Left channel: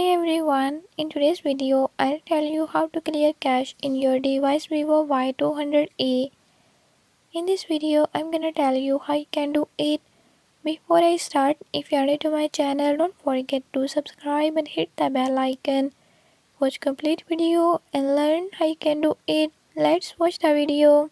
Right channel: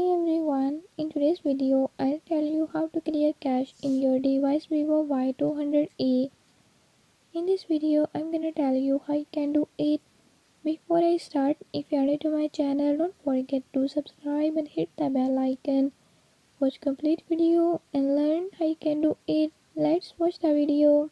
Hey everyone, in today's video I'll tell you how to clear cache in your device Vivo Y200e. In this video I'm gonna tell you how you can do it. Before I start, if you are new to my channel, don't forget to subscribe and hit the bell icon. Watch complete video and learn how you can do it. Let's watch the video.